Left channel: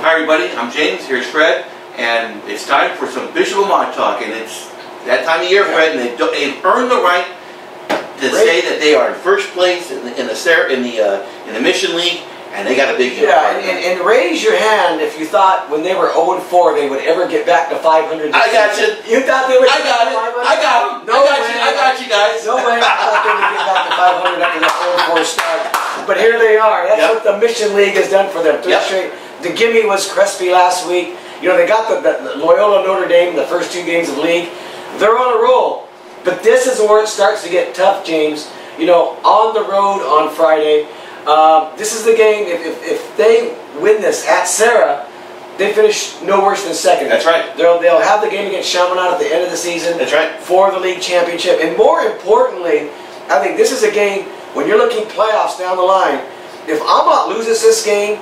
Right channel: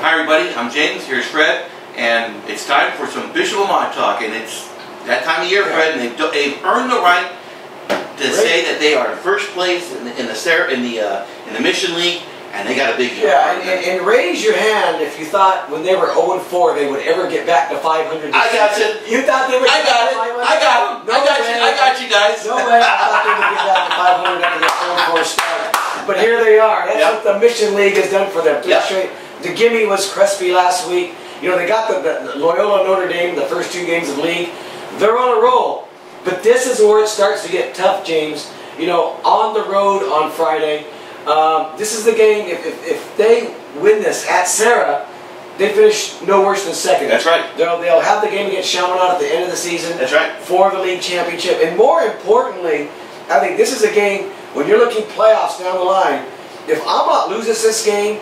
Hi everybody, I'm James, here's Fred, and it's time for some Bishop Amat talk, and it's that time of year, Fred, and they've earned the right to say that they are in first place in the Mission League, and they got a big year. Yeah, and raise your hand if you thought when they were 0-4 they would ever get back to 500. I got you. You thought they would? I got it. I got them. No way. I got you guys. No way. I thought they would get back to 500 after that 0-4 start. But here they are. That's what the Mission League has done for them. Straight. The gimme was Crespi last week. You know, they got the Loyola Notre Dame the first 2 games of league. They're on a roll. But this is where it starts to get tough, James. You know, on the road on Friday. This is the game, if they win this at Serra, they finish no worse than second. That's right. They'll have the game against Chaminade at the end of the season. That's right. For the league championship. And more importantly, I think this is a game, when you're looking playoffs down the line, if Amat loses this game,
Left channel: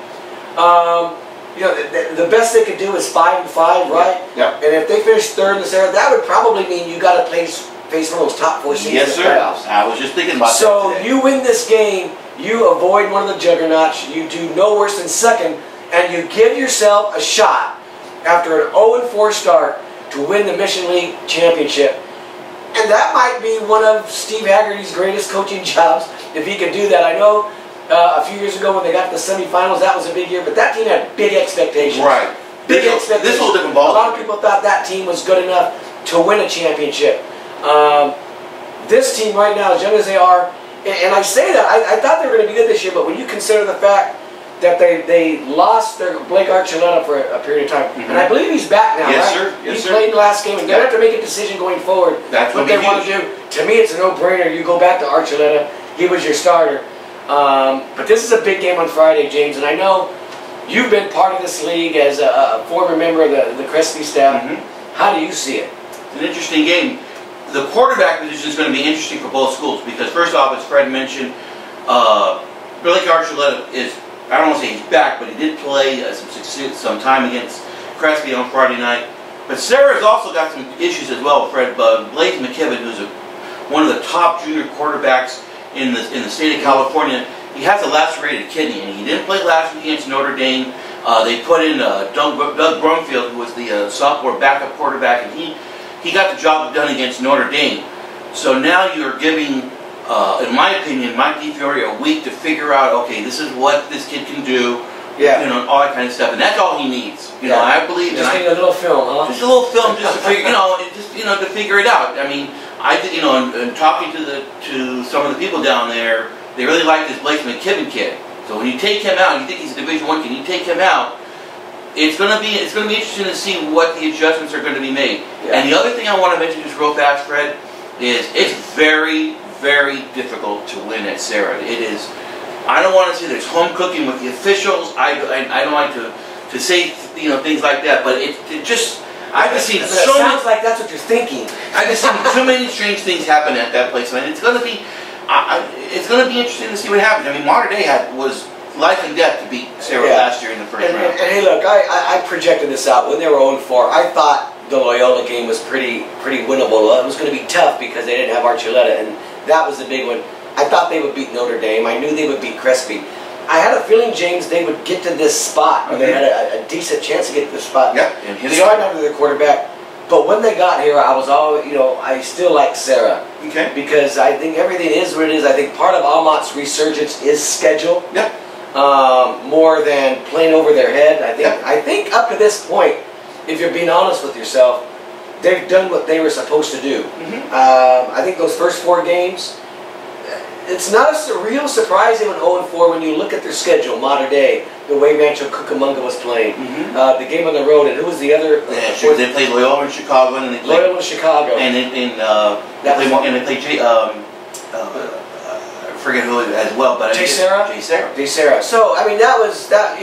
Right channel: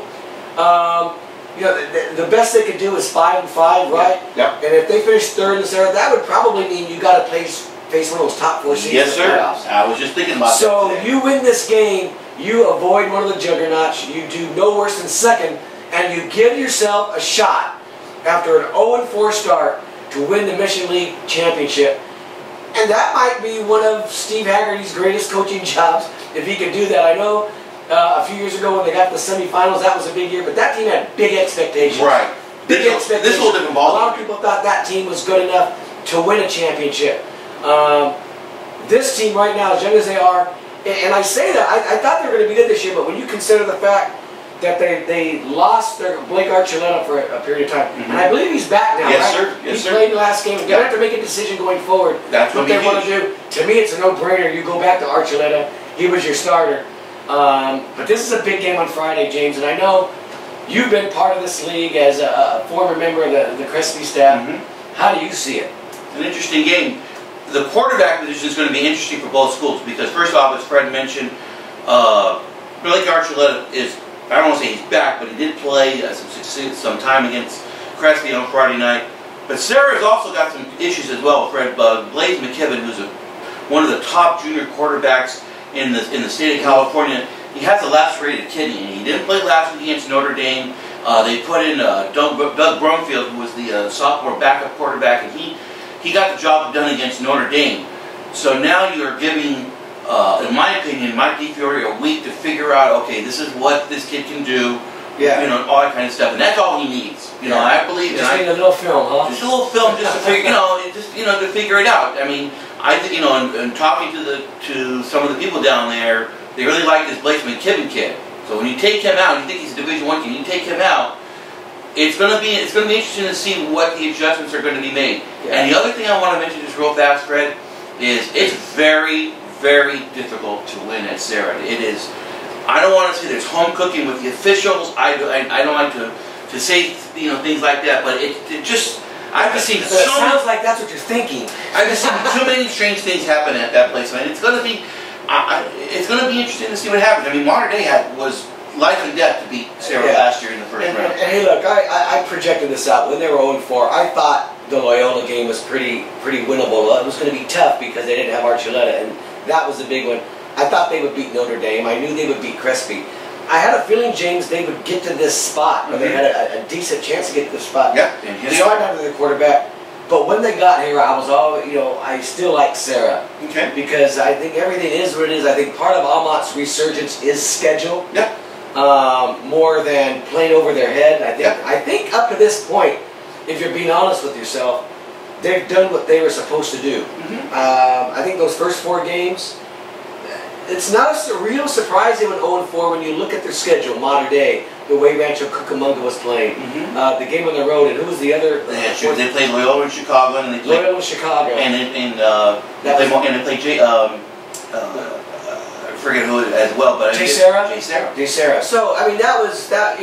you know, the best they could do is 5-5, right? Yep. And if they finish third in the Serra, that would probably mean you got to face one of those top 4 seeds in the playoffs. I was just thinking about that So you win this game, you avoid one of the juggernauts, you do no worse than second, and you give yourself a shot after an 0-4 start to win the Mission League championship. And that might be one of Steve Haggerty's greatest coaching jobs, if he could do that. I know a few years ago when they got to the semifinals, that was a big year, but that team had big expectations. Right. Big expectations. This whole different ball. A lot of people thought that team was good enough to win a championship. This team right now, as young as they are, and I say that, I thought they were going to be good this year, but when you consider the fact that they lost their Blake Archuleta for a period of time, and I believe he's back now, yes, right? Sir. Yes, he played the last game, and they have to make a decision going forward. That's what they want to do. To me, it's a no-brainer. You go back to Archuleta. He was your starter. But this is a big game on Friday, James, and I know you've been part of this league as a former member of the Crespi staff. How do you see it? It's an interesting game. The quarterback position is going to be interesting for both schools because, first off, as Fred mentioned, Blake Archuleta is, I don't want to say he's back, but he did play some time against Crespi on Friday night. But Serra's also got some issues as well, Fred. Blaze McKibben, who's one of the top junior quarterbacks in the state of California, he has a lacerated kidney, and he didn't play last week against Notre Dame. They put in Doug Brumfield, who was the sophomore backup quarterback, and he got the job done against Notre Dame. So now you're giving, in my opinion, Mike DeFiore a week to figure out, okay, this is what this kid can do, you know, all that kind of stuff, and that's all he needs. You know, I believe. Just need a little film, huh? Just a little film, just to figure, to figure it out. I mean, I think, and talking to some of the people down there, they really like this Blake McKibben kid. So when you take him out, you think he's a Division I kid, you take him out. It's going to be interesting to see what the adjustments are going to be made. And the other thing I want to mention just real fast, Fred, is it's very, very difficult to win at Serra. It is. I don't want to say there's home cooking with the officials. I don't like to say things like that. But it just I've just seen so many. Sounds like that's what you're thinking. I've just seen too many strange things happen at that place, and it's going to be interesting to see what happens. I mean, Mater Dei was life and death to beat Serra last year in the first round. And hey, look, I projected this out when they were 0-4. I thought the Loyola game was pretty winnable. It was going to be tough because they didn't have Archuleta, and that was the big one. I thought they would beat Notre Dame. I knew they would beat Crespi. I had a feeling, James, they would get to this spot, or they had a decent chance to get to this spot. Yep, and here they are. Under their quarterback. But when they got here, I was always, I still like Serra. Okay. Because I think everything is what it is. I think part of Amat's resurgence is schedule. Yep. More than playing over their head. I think up to this point, if you're being honest with yourself, they've done what they were supposed to do. I think those first 4 games, it's not a real surprise they went 0-4 when you look at their schedule. Mater Dei, the way Rancho Cucamonga was playing, the game on the road, and who was the other? They played Loyola in Chicago, and they played Loyola in Chicago, and they played I forget who as well, but Serra. So I mean, that was that.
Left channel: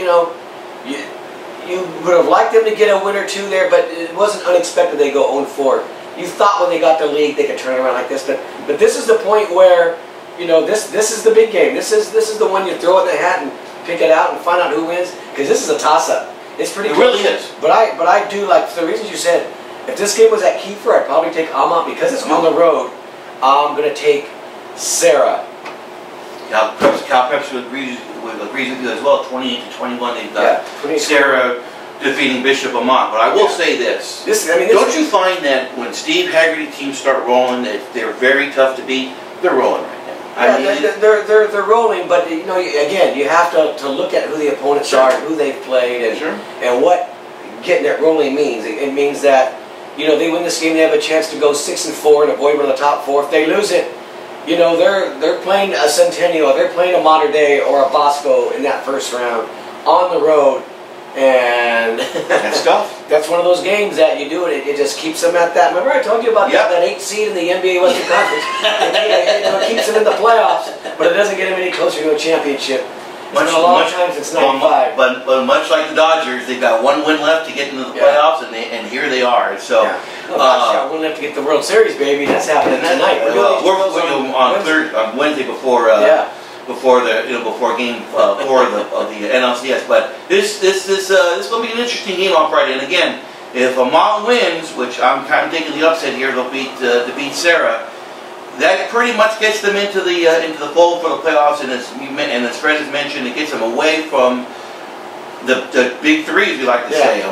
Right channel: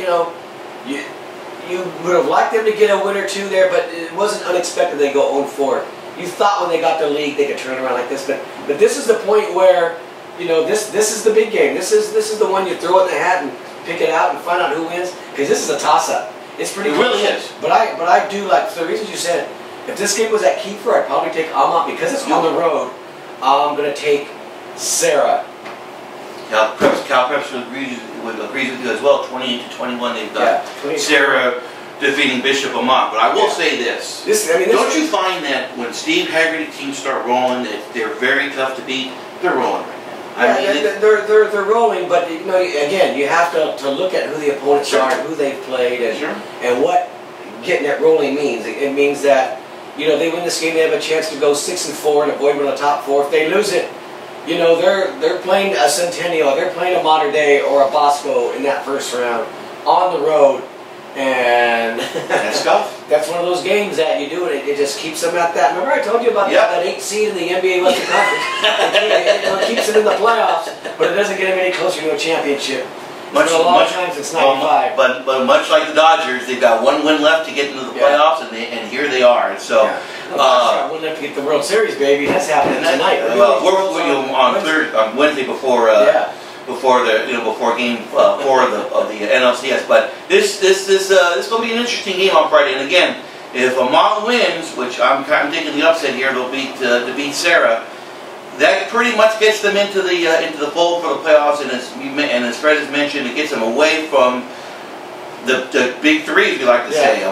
You would have liked them to get a win or 2 there, but it wasn't unexpected they go 0-4. You thought when they got the league they could turn around like this, but this is the point where this is the big game. This is the one you throw in the hat and pick it out and find out who wins, because this is a toss-up. It's pretty close. It really is. But I do like, for the reasons you said. If this game was at Kiefer, I'd probably take Amat because it's on the road. I'm gonna take Serra. Cal Preps agrees with you as well. 28-21. They've got Serra defeating Bishop Amat. But I will say this. Don't you find that when Steve Haggerty teams start rolling, that they're very tough to beat? They're rolling right now. They're rolling, but again, you have to look at who the opponents are, and who they've played, and what getting it rolling means. It means that they win this game, they have a chance to go 6-4 and avoid one of the top 4. If they lose it, they're playing a Centennial, they're playing a Modern Day or a Bosco in that first round on the road, and that's tough. That's one of those games that you do it just keeps them at that. Remember I told you about that 8th seed in the NBA Western Conference? It keeps them in the playoffs, but it doesn't get them any closer to a championship. It's been a long time since '95. But much like the Dodgers, they've got one win left to get into the playoffs, and here they are. So Dodgers got one left to get the World Series, baby. That's happening tonight. We're on Wednesday before before Game 4 of the NLCS. But this is going to be an interesting game on Friday. And again, if Amat wins, which I'm kind of taking the upset here, they'll beat Serra. That pretty much gets them into the fold for the playoffs, and as Fred has mentioned, it gets them away from the big three, as we like to say,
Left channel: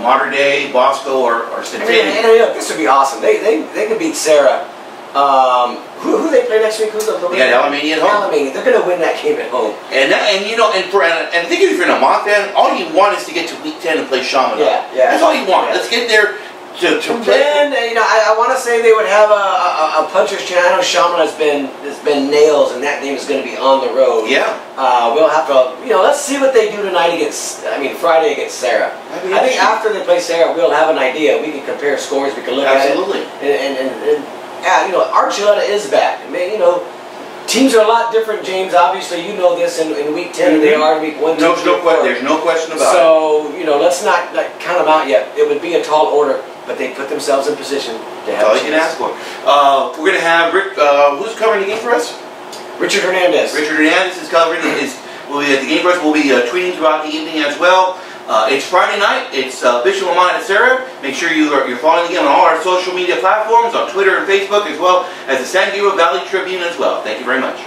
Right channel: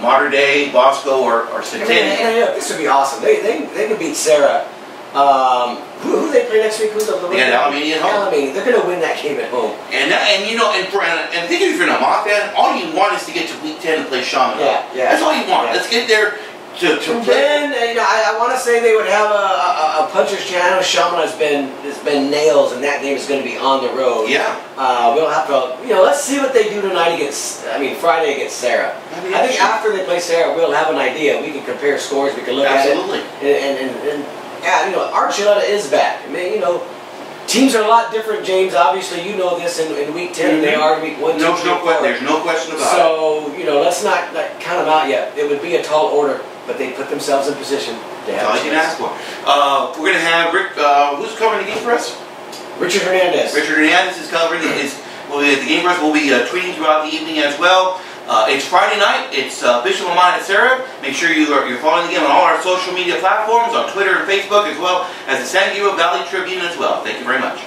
Modern Day, Bosco, or Centennial. This would be awesome. They could beat Serra. Who they play next week? They got Alamany at home. Alamany. They're going to win that game at home. And I think if you're an Amat fan, all you want is to get to week 10 and play Shaman. That's all you want. Let's get there. To play. Then I want to say they would have a puncher's chance. I know Shaman has been nails, and that game is going to be on the road. We'll have to let's see what they do tonight Friday against Serra. I think after they play Serra, we'll have an idea. We can compare scores. We can look at it. And Archuleta is back. Teams are a lot different, James. Obviously, you know this in week 10 than they are in week 1, 2, 3, 4. There's no question about it. So let's not count them out yet. It would be a tall order. But they put themselves in position to have all you can ask for. We're going to have Rick. Who's covering the game for us? Richard Hernandez. Richard Hernandez is covering. Will be at the game for us. We'll be tweeting throughout the evening as well. It's Friday night. It's Bishop Amat at Serra. Make sure you're following the game on all our social media platforms, on Twitter and Facebook, as well as the San Gabriel Valley Tribune as well. Thank you very much.